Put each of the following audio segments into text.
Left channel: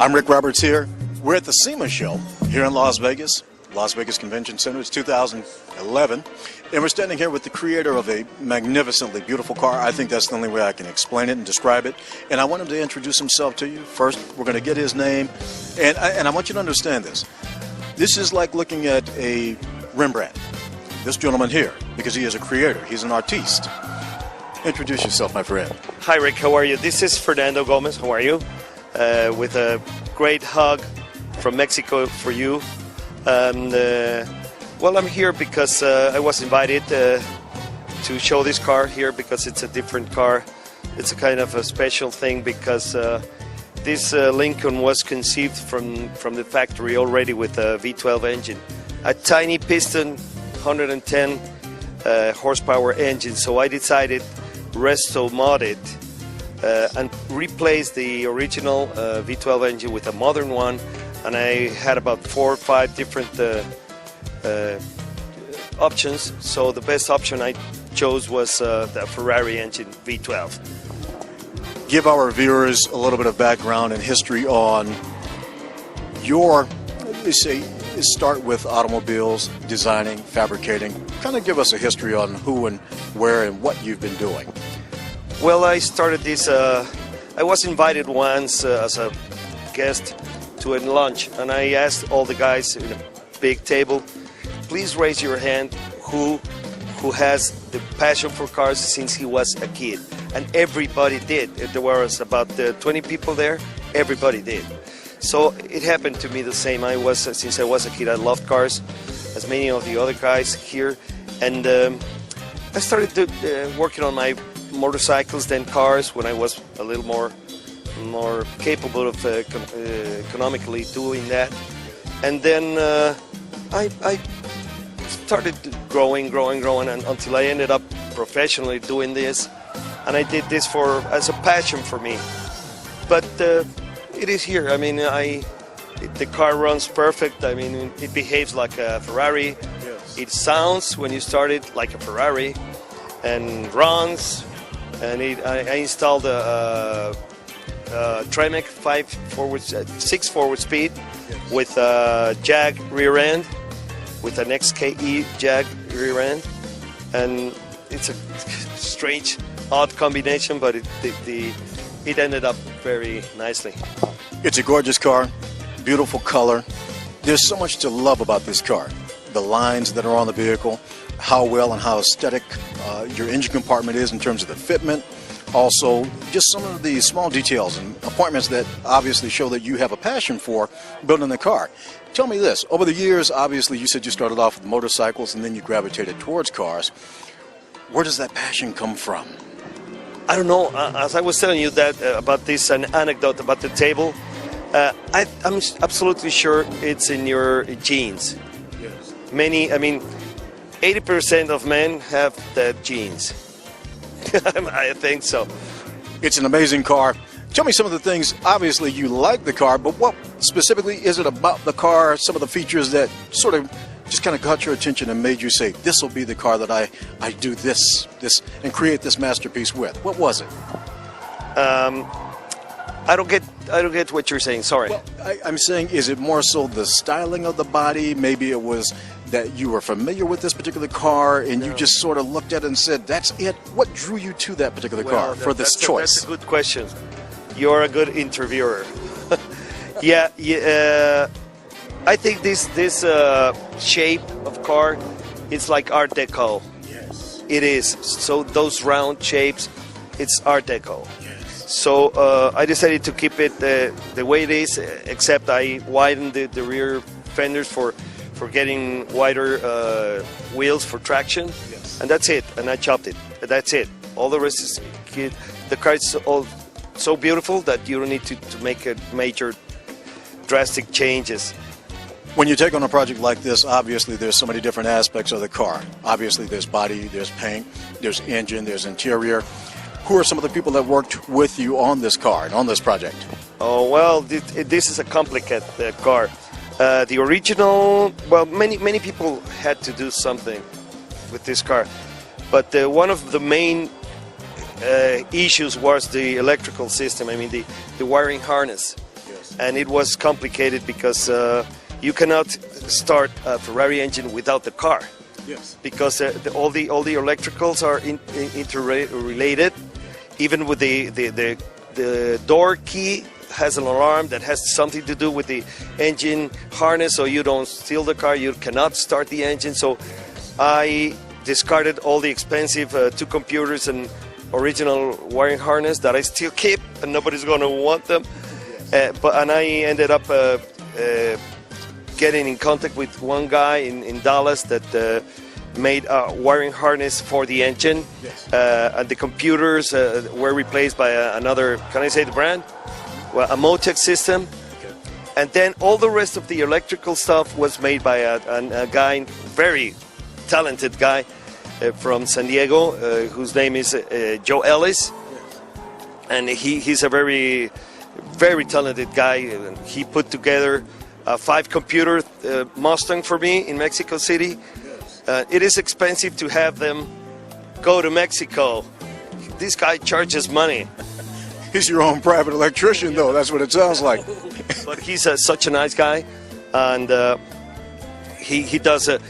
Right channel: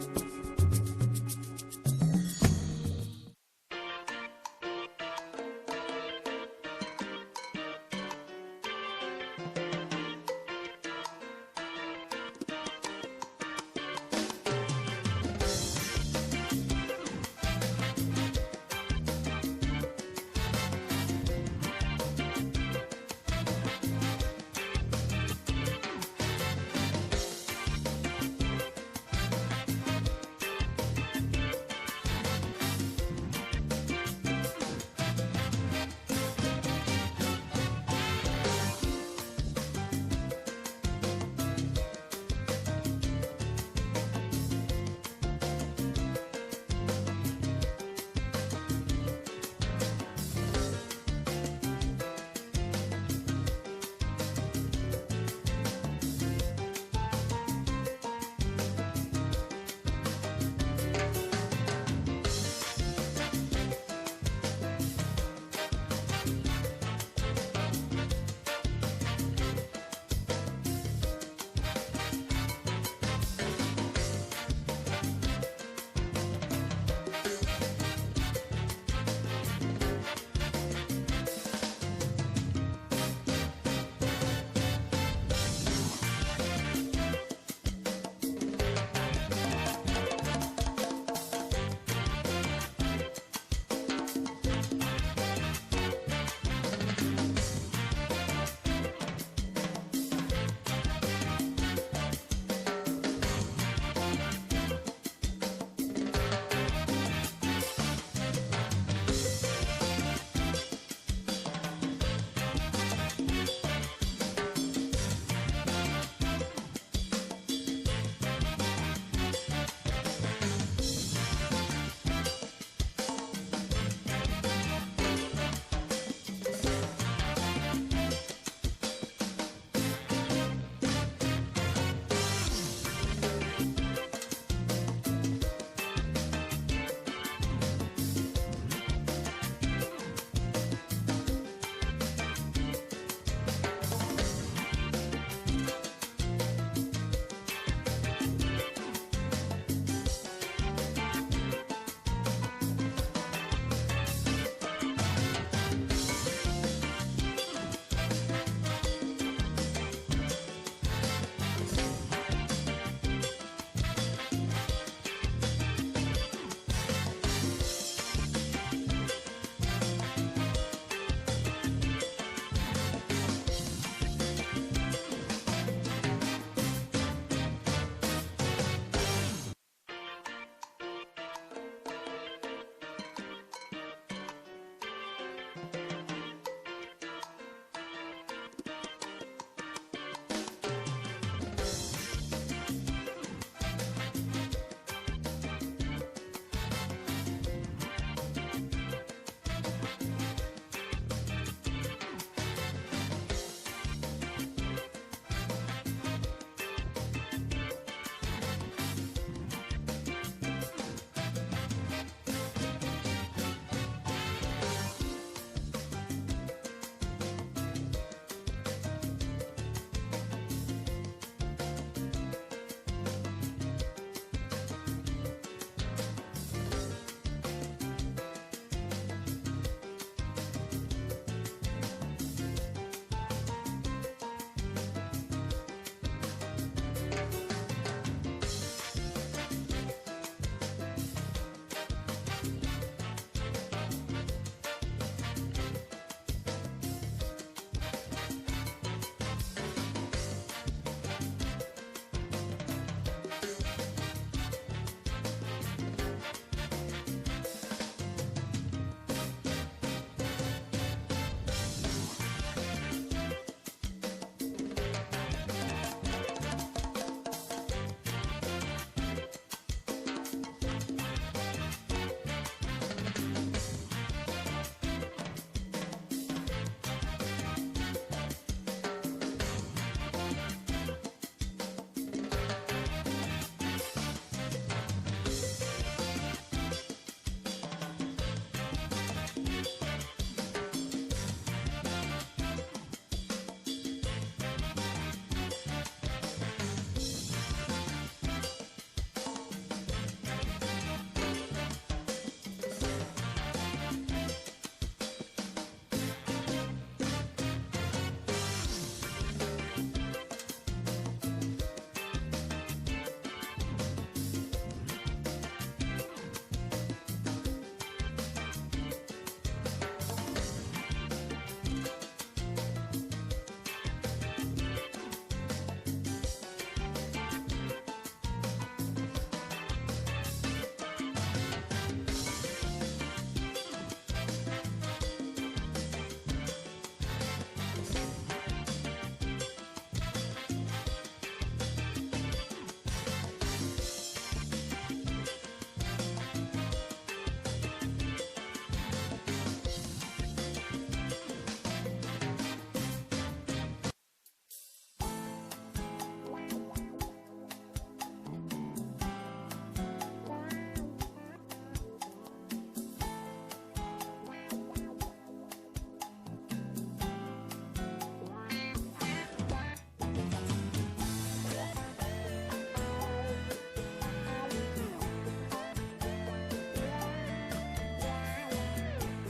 I'm Rick Roberts here. We're at the SEMA show here in Las Vegas Convention Center. It's 2011. And we're standing here with the creator of a magnificently beautiful car. I think that's the only way I can explain it and describe it. And I want him to introduce himself to you. First, we're going to get his name. And I want you to understand this. This is like looking at a Rembrandt. This gentleman here, because he is a creator. He's an artiste. Introduce yourself, my friend. Hi, Rick. How are you? This is Fernando Gomez. How are you? With a great hug from Mexico for you. And well, I'm here because I was invited to show this car here because it's a different car. It's a kind of a special thing because this Lincoln was conceived from the factory already with a V12 engine, a tiny piston, 110 horsepower engine. So I decided resto mod it and replace the original V12 engine with a modern one, and I had about 4 or 5 different options. So the best option I chose was the Ferrari engine V12. Give our viewers a little bit of background and history on your, let's say, start with automobiles, designing, fabricating. Kind of give us a history on who and where and what you've been doing. Well, I started this, I was invited once as a guest to a lunch, and I asked all the guys at a big table, please raise your hand who has the passion for cars since he was a kid. And everybody did. There was about 20 people there, everybody did. So it happened to me the same. Since I was a kid, I loved cars, as many of the other guys here. And I started working on my motorcycles, then cars, when I was a little more capable of economically doing that. And then I started growing and until I ended up professionally doing this. And I did this as a passion for me. But it is here. I mean, the car runs perfect. I mean, it behaves like a Ferrari. Yes. It sounds, when you start it, like a Ferrari, and runs. And I installed a Tremec 6 forward speed with a Jag rear end, with an XKE Jag rear end, and it's a strange, odd combination, but it ended up very nicely. It's a gorgeous car, beautiful color. There's so much to love about this car. The lines that are on the vehicle, how well and how aesthetic your engine compartment is in terms of the fitment. Also, just some of the small details and appointments that obviously show that you have a passion for building the car. Tell me this, over the years, obviously you said you started off with motorcycles and then you gravitated towards cars. Where does that passion come from? I don't know. As I was telling you that about this an anecdote about the table, I'm absolutely sure it's in your genes. Yes. I mean, 80% of men have that genes. I think so. It's an amazing car. Tell me some of the things. Obviously, you like the car, but what specifically is it about the car, some of the features that sort of just kind of caught your attention and made you say, this will be the car that I do this and create this masterpiece with? What was it? I don't get what you're saying. Sorry. Well, I'm saying, is it more so the styling of the body? Maybe it was that you were familiar with this particular car and you just sort of looked at it and said, that's it. What drew you to that particular car for this choice? That's a good question. You're a good interviewer. Yeah. I think this shape of car, it's like Art Deco. Yes. It is. So those round shapes, it's Art Deco. Yes. So I decided to keep it the way it is, except I widened the rear fenders for getting wider wheels for traction. Yes. And that's it. And I chopped it. That's it. All the rest is the car is all so beautiful that you don't need to make a major drastic changes. When you take on a project like this, obviously there's so many different aspects of the car. Obviously there's body, there's paint, there's engine, there's interior. Who are some of the people that worked with you on this car and on this project? Oh, well, this is a complicated car. The original, well, many people had to do something with this car. But one of the main issues was the electrical system. I mean, the wiring harness. and it was complicated because you cannot start a Ferrari engine without the car. Yes. Because all the electricals are interrelated. Even with the door key has an alarm that has something to do with the engine harness, so you don't steal the car. You cannot start the engine. So I discarded all the expensive 2 computers and original wiring harness that I still keep, and nobody's going to want them. And I ended up getting in contact with one guy in Dallas that made a wiring harness for the engine. And the computers were replaced by another, can I say the brand? Well, a Motec system. And then all the rest of the electrical stuff was made by a guy, very talented guy from San Diego, whose name is Joe Ellis. And he's a very, very talented guy. He put together a 5-computer Mustang for me in Mexico City. It is expensive to have them go to Mexico. This guy charges money. He's your own private electrician, though. That's what it sounds like. But he's such a nice guy, and he doesn't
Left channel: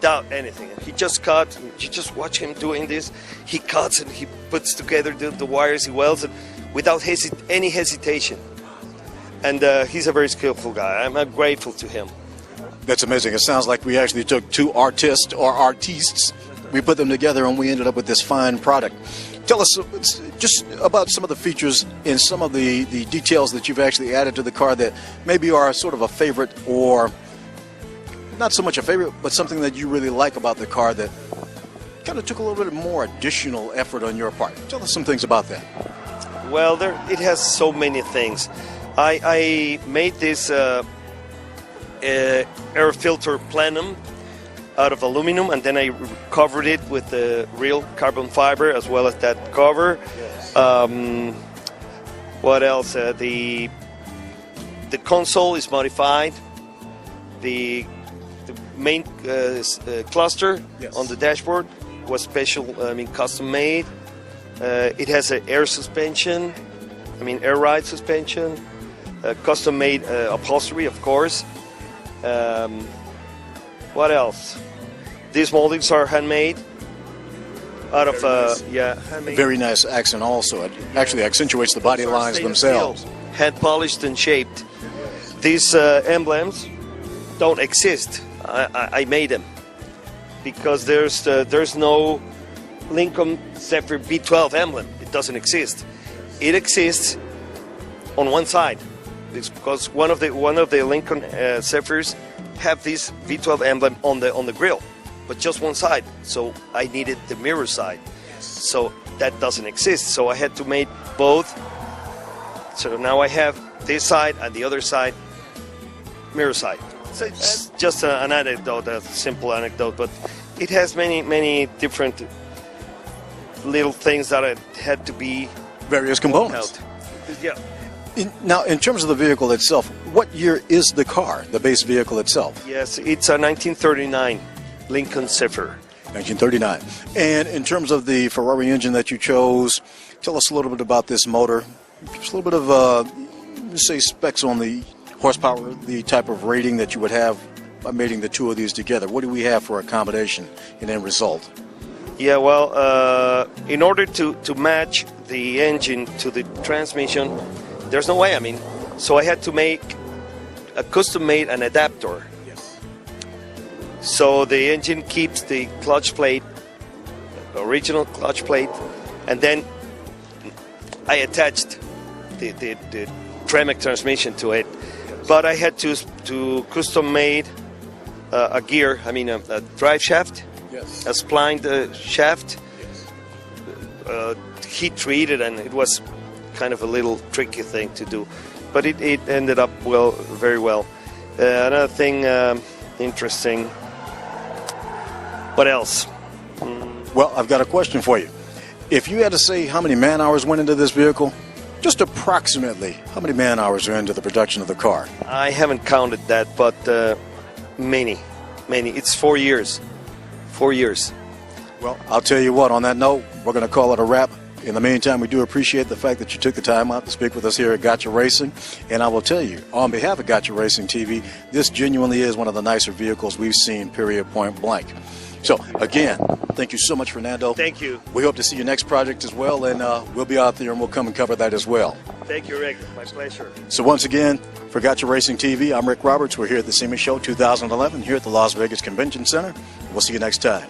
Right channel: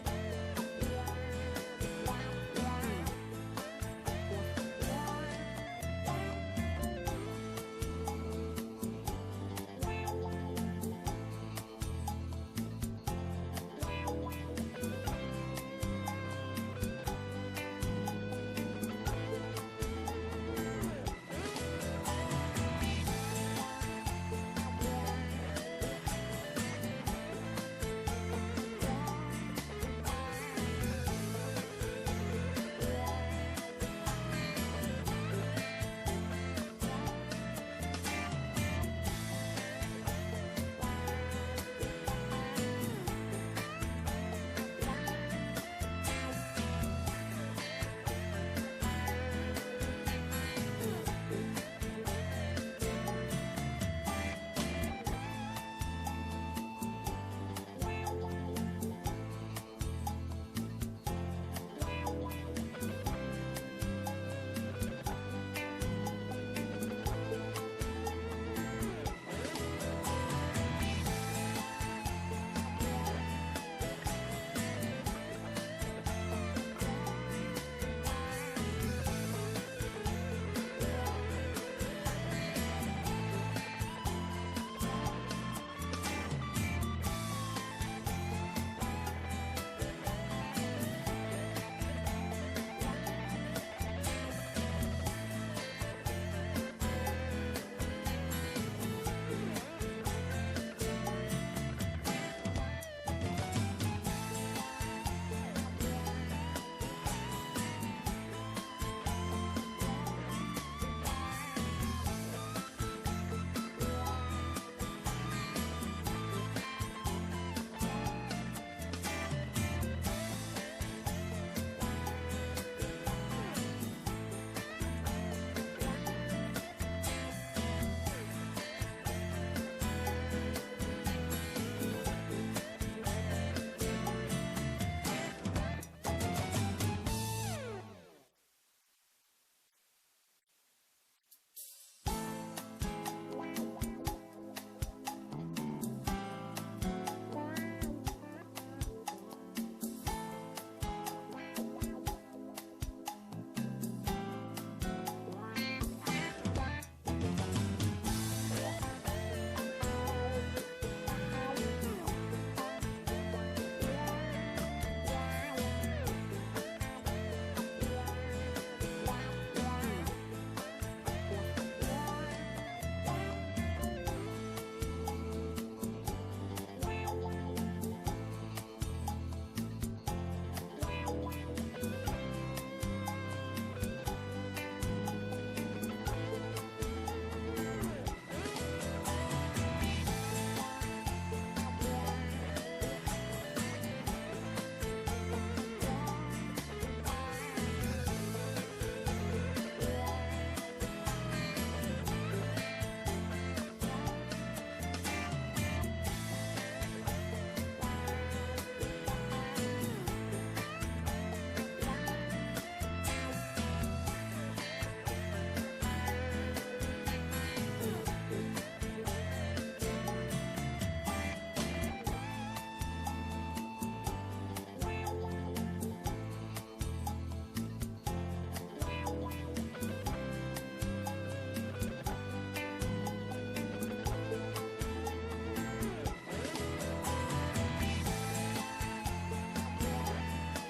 doubt anything. He just cuts. You just watch him doing this. He cuts and he puts together the wires. He welds it without any hesitation. And he's a very skillful guy. I'm grateful to him. That's amazing. It sounds like we actually took 2 artists, we put them together, and we ended up with this fine product. Tell us just about some of the features and some of the details that you've actually added to the car that maybe are sort of a favorite, or not so much a favorite, but something that you really like about the car that kind of took a little bit more additional effort on your part. Tell us some things about that. Well, it has so many things. I made this air filter plenum out of aluminum, and then I covered it with the real carbon fiber as well as that cover. What else? The console is modified. The main cluster on the dashboard was special, custom made. It has an air suspension, air ride suspension, custom made upholstery, of course. What else? These moldings are handmade out of handmade. Very nice accent also. It actually accentuates the body lines themselves. Hand polished and shaped. These emblems don't exist. I made them because there's no Lincoln Zephyr V12 emblem. It doesn't exist. It exists on one side. It's because one of the Lincoln Zephyrs have this V12 emblem on the grill, but just one side. So I needed the mirror side. So that doesn't exist. So I had to make both. So now I have this side and the other side, mirror side. So it's just an anecdote, a simple anecdote, but it has many different little things that had to be various components. Yeah. Now, in terms of the vehicle itself, what year is the car, the base vehicle itself? Yes, it's a 1939 Lincoln Zephyr. 1939. And in terms of the Ferrari engine that you chose, tell us a little bit about this motor. Just a little bit of, say, specs on the horsepower, the type of rating that you would have by mating the two of these together. What do we have for a combination and end result? Yeah, well, in order to match the engine to the transmission, there's no way, so I had to make a custom-made an adapter. So the engine keeps the clutch plate, the original clutch plate, and then I attached the Tremec transmission to it. But I had to custom-made a gear, a drive shaft, a splined shaft, heat-treated, and it was kind of a little tricky thing to do, but it ended up very well. Another thing interesting. What else? Well, I've got a question for you. If you had to say how many man hours went into this vehicle, just approximately, how many man hours are into the production of the car? I haven't counted that, but many. It's 4 years. 4 years. Well, I'll tell you what, on that note, we're going to call it a wrap. In the meantime, we do appreciate the fact that you took the time out to speak with us here at Gotcha Racing. And I will tell you, on behalf of Gotcha Racing TV, this genuinely is one of the nicer vehicles we've seen, period, point blank. So, again, thank you so much, Fernando. Thank you. We hope to see your next project as well, and we'll be out there and we'll come and cover that as well. Thank you, Rick. My pleasure. So once again, for Gotcha Racing TV, I'm Rick Roberts. We're here at the SEMA Show 2011 here at the Las Vegas Convention Center. We'll see you next time.